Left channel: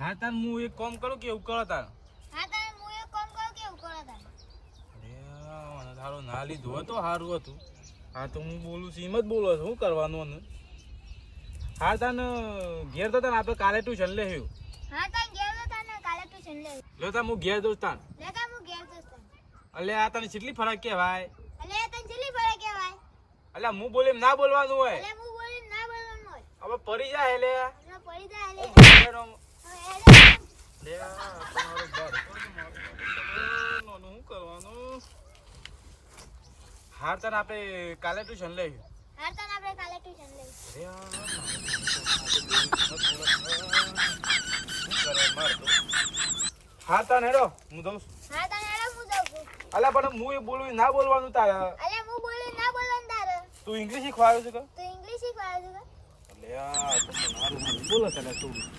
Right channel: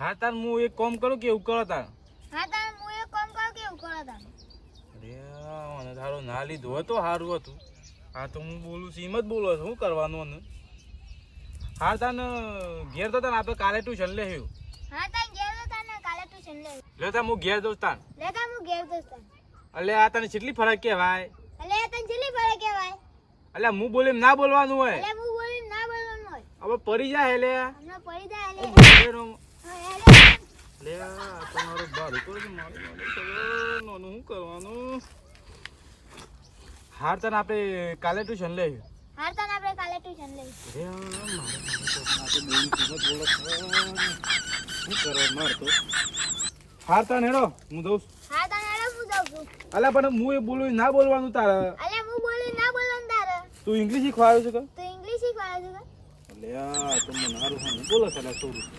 હા તાર હું એક કામ કરું કે એવું કરો તાર. હા તાર હું એક કામ કરું કે એવું કરો તાર. અરે તારો ના લીધો હતો સારું હતું. હા તો હું બોલું છું એમ જ બોલો છું. શું કરવાનું ને? હા તાને ઘેર તો તને આપણે કાલે ટ્યુશન લે આવ્યું. હા તાર ઘેર તો તને કાલે ટ્યુશન લે. લે તાર હું ઘેર દઉં તાન. લે તાર હું ઘેર દોસ્ત. એટલે આ તને કેટલી ફરક કહેવાય? એટલે તને કેટલી ફરક કહેવાય? એટલે હું બોલે ના બોલવાનું હોય. એટલે હું બોલી ના બોલવાનું હોય. હવે પડી જાય એટલે હમણાં પડી જાય એટલે. લે તમારો ભાડું તો શું કરવાનું? હાર તને આપણે કાલે ટ્યુશન લઈ. હા તાર આપણે કાલે ટ્યુશન લે. હાર તાન હેડો હું દઉં. હા તાર હેડો હું જાઉં છું. અલા પણ હું એ બોલું ના બોલવાનું તારે. એટલે હું બોલી ના બોલવાનું તારે. તું ઇંગ્લિશ શીખવાડ્યું છે કે? તો ઇંગ્લિશ શીખવાડે છે. એટલે આ તમને મારું બોલો છે ને છોડી.